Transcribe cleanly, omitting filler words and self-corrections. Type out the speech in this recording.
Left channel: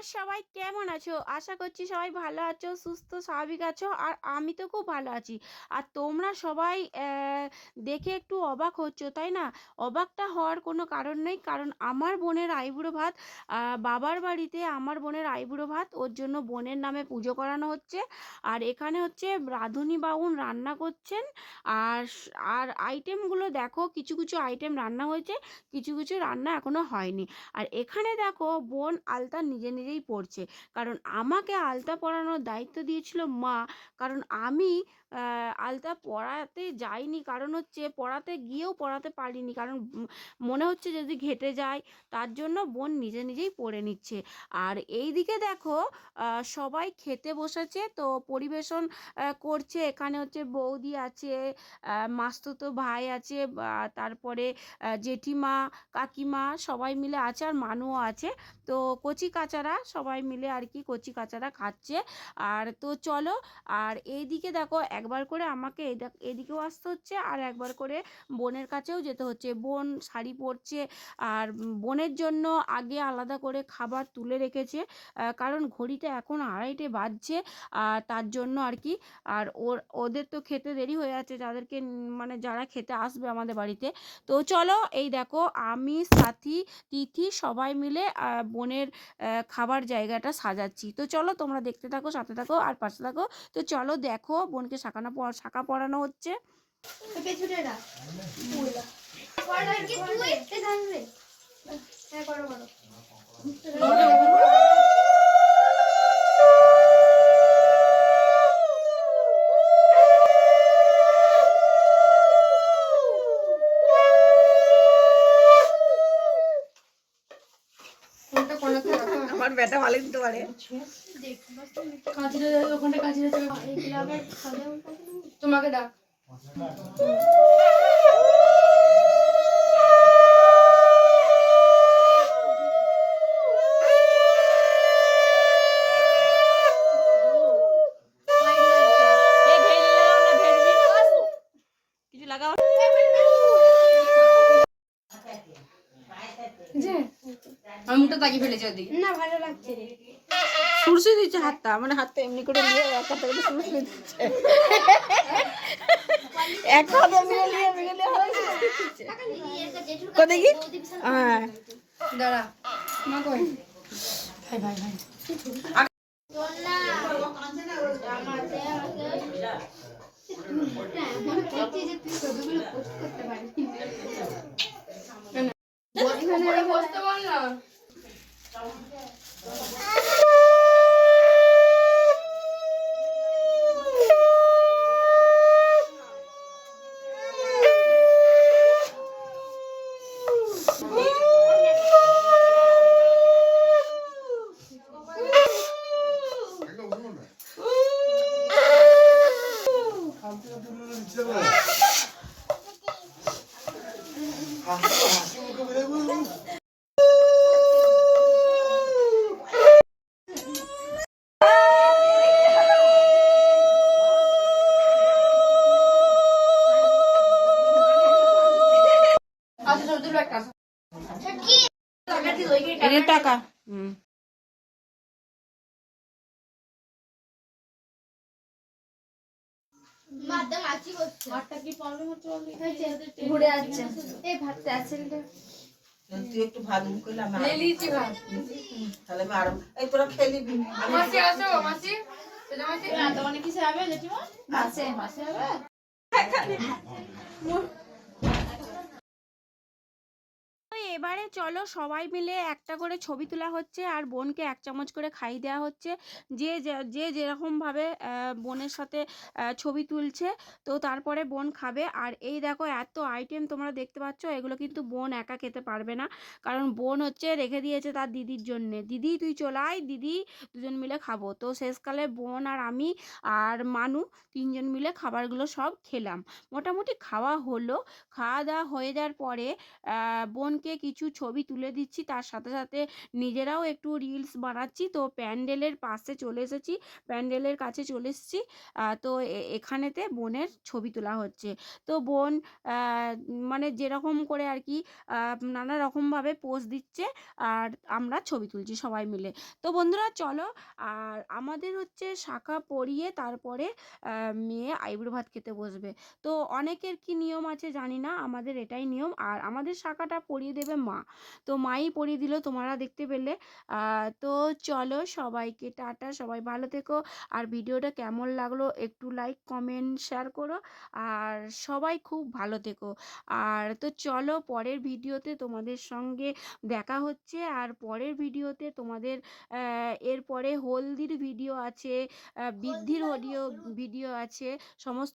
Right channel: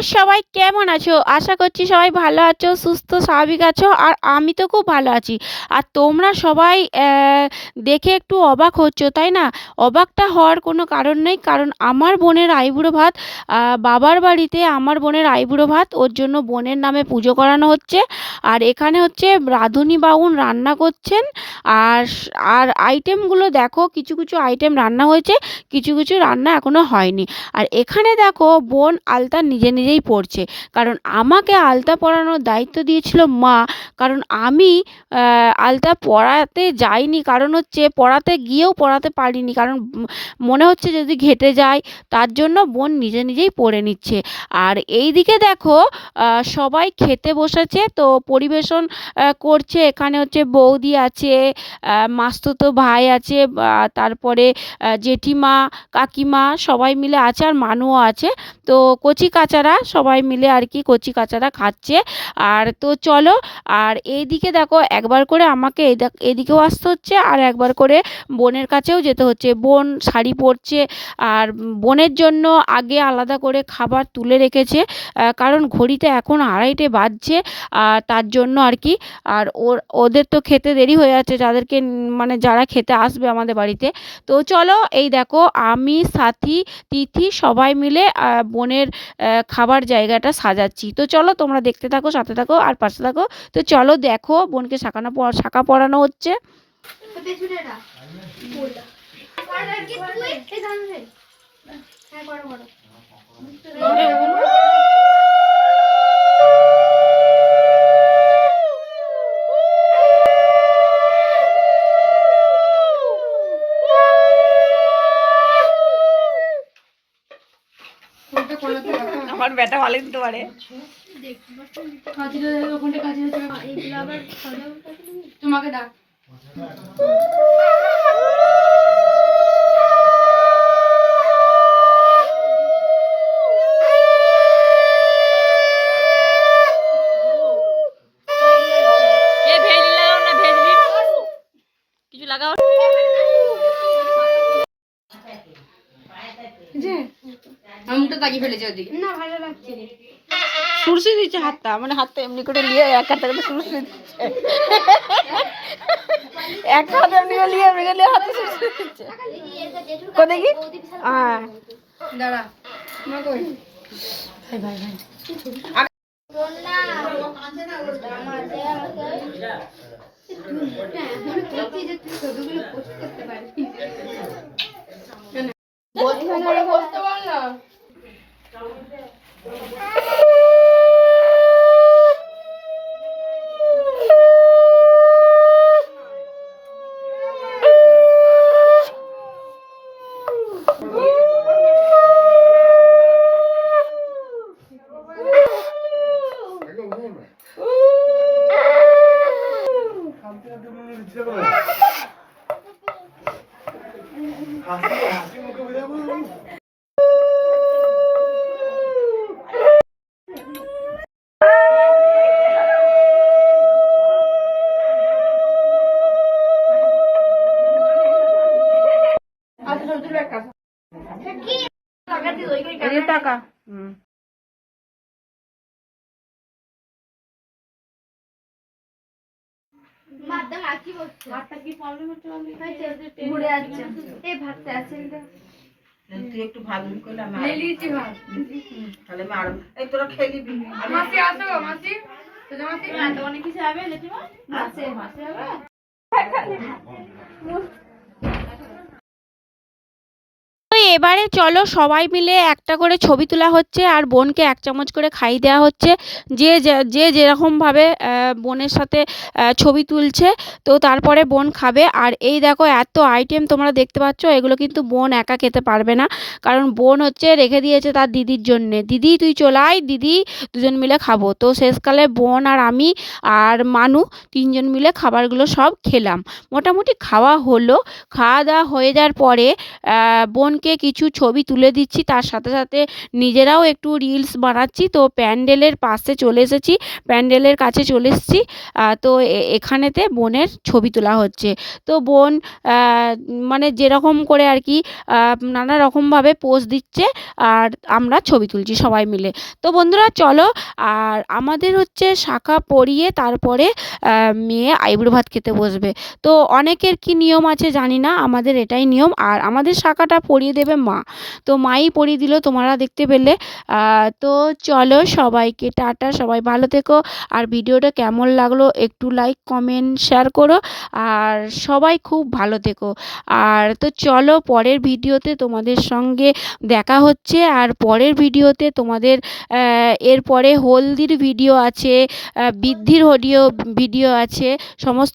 নমস্কার, সবাই কেমন আছো? আশা করছি সবাই ভালো আছো, সুস্থ স্বাভাবিক আছো। আর আমি তো খুব ভালো আছি। আর তোমরা সবাই দেখে একটু অবাক হচ্ছ, তাই না? অবাকটা হওয়ার কোনো কারণ নেই, কারণ আমার বোনের আইবুড়ো ভাত, বাবার বাড়িতে আমার বোনের আইবুড়ো ভাত, ওর জন্য বোনের নামে পুজো করানো হচ্ছে। আর এখানে হচ্ছে রাঁধুনি বাউন রান্না করছেন। আর আর আইটেমগুলো দেখো, কিছু কিছু আইটেম রান্না হয়েছে, কিছু কিছু রান্না এখনো হয়নি। আর এখানে দেখো বোন আলতা নিজে নিজেই পরছে, কারণ আমাকে আলতা পরানোর দায়িত্ব দিয়েছিল মা। কারণ আমি আলতা পরাতে যাইনি, কারণ হচ্ছে পরাতে গিয়েও পরাতে পারিনি, কারণ মনে হচ্ছে যদি ঘেঁটে যায়, তার জন্য বোন নিজে নিজেই পরে নিচ্ছে। আর এই দিকে দেখো সবাই খেতে বসেছে, তো পরিবেশন করছে। এখানে হচ্ছে বৌদি আছে, মাসতুতো ভাই আছে, তারপরে জেঠিমা, কাকিমা সবাই মিলে আছে, আর মানুও আছে। তো কচি কাচারা সবাই মিলে আর কি কচি কাচারা খাচ্ছে। আর তো চলো, আর এইদিকে দেখো একবার করে আমাকে এদিকেও আসতে হচ্ছে, আর একবার করে বোনের কাছেও যেতে হচ্ছে। বোন শাড়ি পরছে, আর বোনের জন্য আগে আলাদা করে খাবার তুলে রেখেছে, কারণ ঘড়িতে এখন 2:30 বাজছে। তার জন্য আর কি। আর ওদের তো খেতে দেরি হয়ে যাচ্ছে, যাদেরকে মানে যারা খেতে আসবে আমাদের বাড়িতে। তো চলো, এই দেখো আমি, সাথী, তিথি সবাই মিলে বোনের খাবার জায়গাটা সাজাচ্ছি। তো চলো তোমরা দেখতে থাকো, সাথে থাকো আর পাশে থাকো। তো চলো দেখো বোনকে শাঁখা পরানো হচ্ছে। আমার বেটা ভালো দিতে পারে। তোমাকে দাও। কিছু লাগাও আমি তো তাকিয়ে ফেলেছি ওদিকে। না ভালো লাগছে রে। সুরসি দিচ্ছে হাতটা, মানে হাতটা এমনি করে নিয়ে এক হাতে সুরসি দিচ্ছে, এক হাতে এমনি করে নিয়ে এমনি করে হাতে সুরসি দিচ্ছে। কো দেখি? হ্যাঁ দাঁড়া মা কই ভাই ভাই ভাই বলনা কাঁদে না ওটা আমাতে মনে করছি যে তুই ছবিগুলো পোস্ট করতে পারবি। বলতে পোস্ট বল না। টাকা তুই একটু ভাত করলে তাহলে আমি আরো এই তোরা খেয়ে নিবি। মাসি আসো মাসি, অনেক কিছু হবে জেঠিমা আছে মাসি হবে। তো এবারে চলো সবাই মিলে একটা করে ছবি তোলা হচ্ছে, আর বোনকে 1 চামচ করে খাইয়ে দেওয়া হচ্ছে। যে যে যেরকমভাবে বোনের সাথে ছবি তুলছে, তো তারপরে বোন খাবে। আর এই দেখো এত আইটেম তোমরা দেখতে পাচ্ছ, এগুলো কিন্তু বোন একা খেতে পারবে না, কারণ বোন হচ্ছে রেখে দিয়েছে তার দিদির জন্যে। দিদি তুই চলে আয়, দিদি দুজন মিলে খাবো। তো শেষকালে বোন আর আমি আর মানু 3 জন মিলে খাবারগুলো সব খেলাম। মোটামুটি খাওয়া হলো। খাওয়া দাওয়া হয়ে যাওয়ার পরে বোনকে কিছু ছবি তুলে দিচ্ছি, তার সাথে সাথে নিজেরাও একটু রিলস বানাচ্ছি। তো প্যান্ডেলের পাশে চলে এসেছি, প্যান্ডেলের কাছে চলে এসেছি। তো এখানেতে বোনের ছবি তোলা হচ্ছে। তো বোন মানে যেরকম করে আর কি নানা রকমভাবে পোজ দিচ্ছে, আর আমরা ছবি তুলছি সবাই মিলে। তো বন্ধুরা চলো, আর আমাদের হচ্ছে শাঁখা পরিয়ে তারপরে মেয়ে আইবুড়ো ভাত খেতে বসবে। তো অনেকের কি নিয়ম আছে জানি না, আমাদের এটাই নিয়ম। আর আমাদের শাঁখাটা পরিয়ে দেবে মা, তো মাই পরিয়ে দিল, তোমরা দেখতে পেলে। তো চলো, সবাইকে টাটা, সবাই ভালো থেকো। আর ভিডিওটা কেমন লাগলো একটু লাইক কমেন্ট শেয়ার করো, আর সবাই খুব ভালো থেকো। আর তো চলো, পরের ভিডিওতে তোমাদের সঙ্গে দেখা হচ্ছে। আর পরের ভিডিওতে তোমাদের এরপরে হলদির ভিডিও আছে, বৃদ্ধির ভিডিও আছে, সমস্ত